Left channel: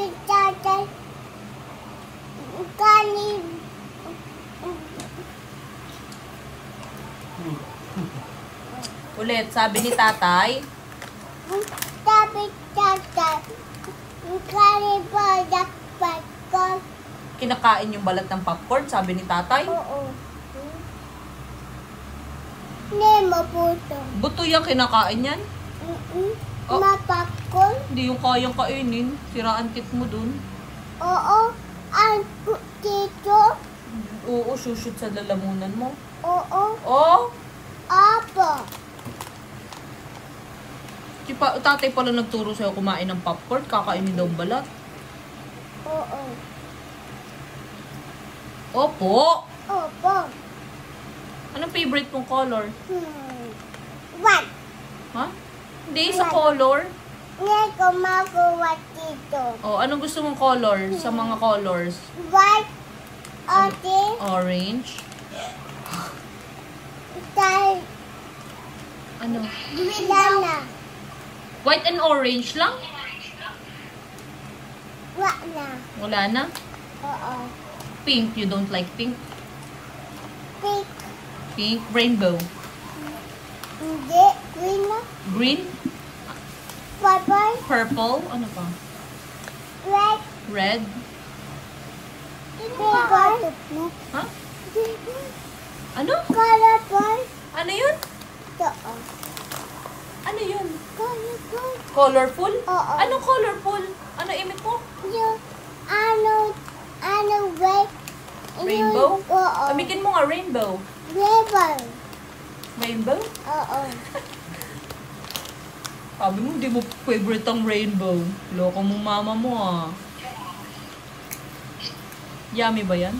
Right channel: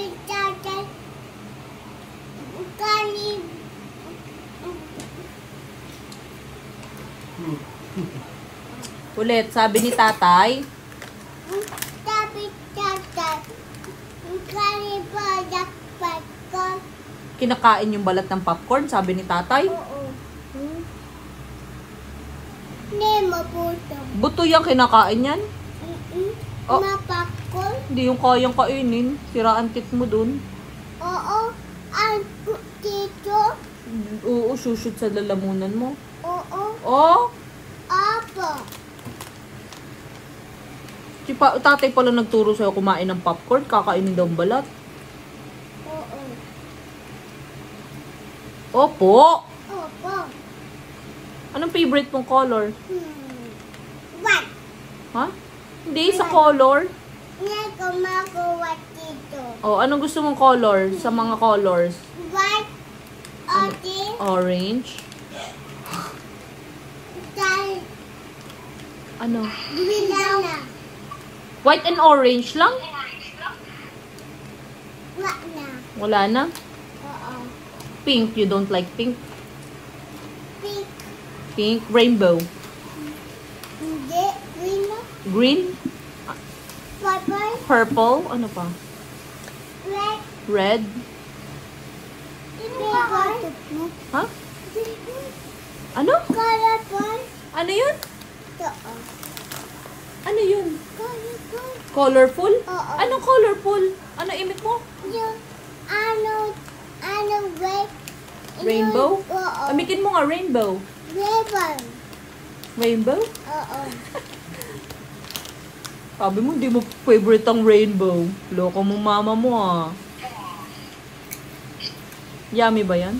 Sabi tatay, kanin. Ulit, sabi ni tatay. Sabi tatay, kanin po dapat ko. Kinakain yung balat ng popcorn, sabi ni tatay. Oo. Hindi mabuto. Buto yung kinakain yan. Oh. Mapakol. Hindi yung kayang kainin. Siraan tit mo dun. Oo. Ang dito. Oo, shoot sa lalamunan mo. Oo. Oh! Apo. Si tatay pala nagturo sa'yo kumain ng popcorn. Kakainin daw balat. Oo. Opo! Opo. Anong favorite mong color? White. Ha? Hindi sa color. Hindi ko makuha dito. Oh, anong gusto mong color sa mga colors? White. Orange. Orange. Dahil Ano? Milana. White and orange lang? Wala na. Wala na? Oo. Pink. You don't like pink? Pink. Pink. Rainbow. Hindi. Green na. Green. Purple. Purple. Ano pa? Red. Red. Purple. Ha? Ano? Colorful. Ano yun? Oo. Ano yun? Colorful. Colorful? Oo. Ano colorful? Ano imik mo? Yung red. Rainbow? Oo. Amikin mo nga rainbow. Rainbow. Rainbow? Oo. Sabi mo, hindi mo favorite ang rainbow. Loko mo mama mo ah. Yummy ba yan?